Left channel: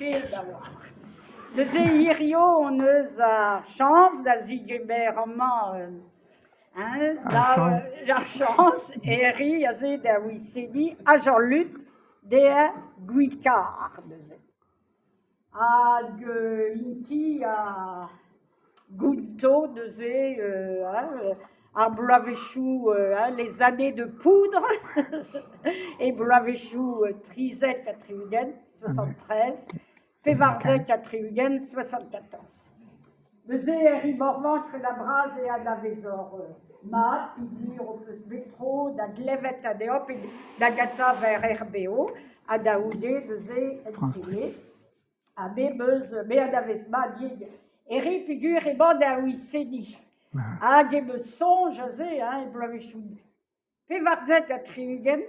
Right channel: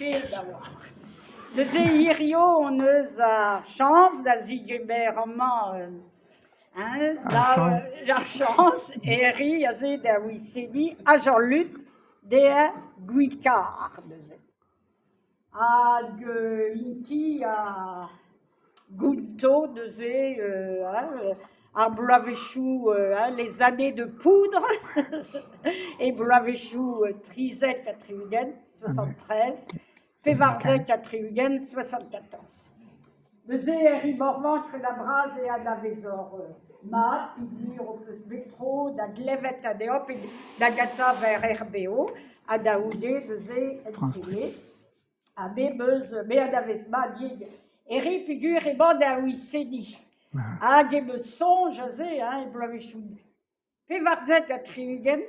compliqué d'avoir. Nous Irio, on a chance, da Zigeberman, la chance, et Eri, a zé da Wissedi, à Jean-Luc, de Guicard, à Inti, à Gunto, de zé, à Blavéchou, les années de poudre, et Blavéchou, Trizet, à Triugen, 73, Févarzec, à Triugen, 74. De zé, Eri Morvan, que la brase et à la Vézor, Ma, Tidir, Opus Métro, da Glevet, à Deop, et d'Agata vers RBO, à Daoudé, de zé, Télé, à Bébeuse, Béadavesma, Dig, Eri, figure, et bande à Wissedi. À Gebeson, Jazé, et Blavéchou. Févarzec, à Triugen,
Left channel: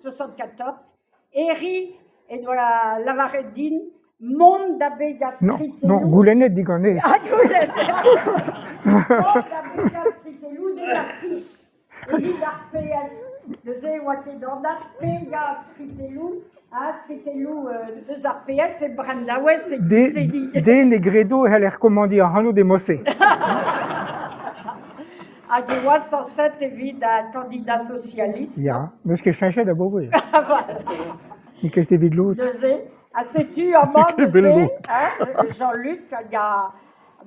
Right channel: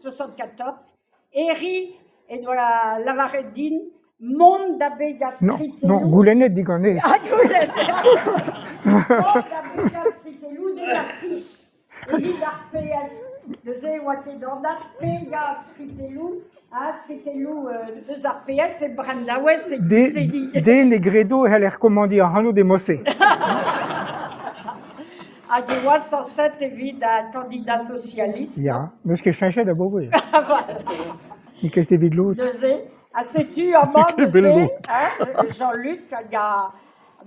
74. Eri, et de la Lavareddine, Monde d'Abbé Gastritelou. Non, Goulenet digonès. Ah, Goulenet. Monde d'Abbé Gastritelou, de l'affiche. Eri d'Arpéas, de zé, Wakedanda, P. Gastritelou, Stritelou, de Arpéas, et Brandawes, et Guissedi. Dès Negredo, elle est recommandée en Hanno de Mossé. À Géois, 107, évite un candidat socialiste. Ja, mais ce qui changeait d'abord, oui. Voilà. Et qu'est-ce que c'est de l'autre? À sais-tu, en mode, Jean-Luc, il y a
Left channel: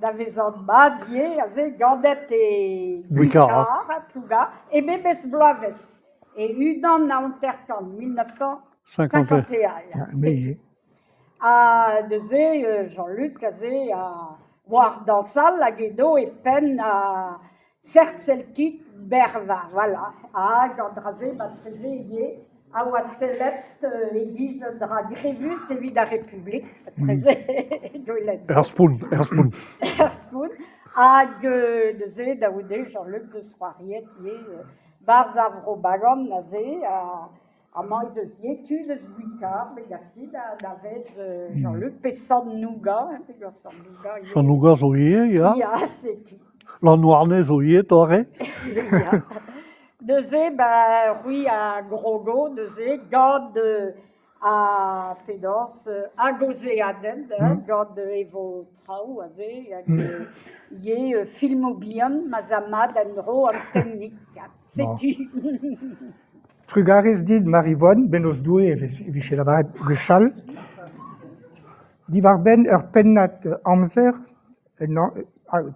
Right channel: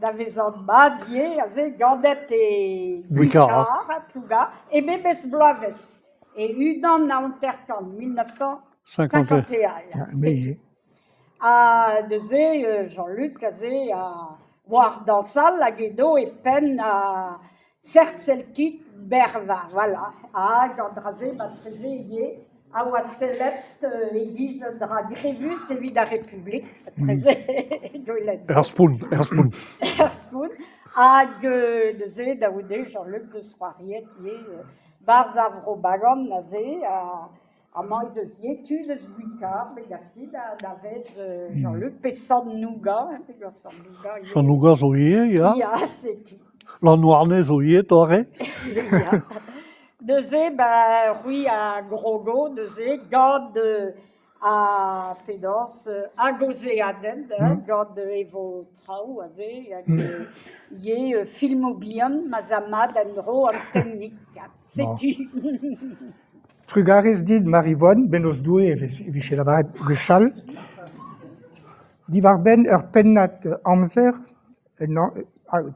Davezandma, Dier, Gandette et Guicard, Pouga, et Bébès Blaves. Et Udan à Unterkan, 1951. Mais, À Jean-Luc, à voir dans salle, à Guédo et Pen, à Cerceltic, Berva, voilà. À Gandrazé, Batrézé, à Wasselet, Église de la Grévus, et Vida République, Erspun. Erspun, à Dezé, Daoudé, Jean-Luc de Soiriet, Barzavro Bagon, Nazé, à Maïdesier, Tules Guicard, Mégatide, à Davez, Jean-Luc, Pessan Nougat, Sanouga Zoye, ja. Ja, c'est tout. La Noirnais Zoye, Torre. Dezé, oui, à Grogo, Dezé, Gande à Pédance, à Gozé Aden, Gande Evo Trau, Azé, Yé, Filmobian, Mazama, Denro, Antennik, c'est tout. Trugares dit Marivonne, Benos Doué, et chez la Gechal. Die war ben pennat amzer,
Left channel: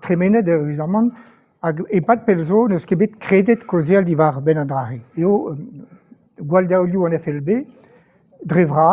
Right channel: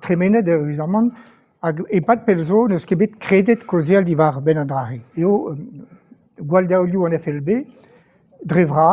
tremene de Rusaman, et pas de pelzo, ne skebet credet causiel die war ben andrare. Et au Gualdaoliu en FLB, Drevra,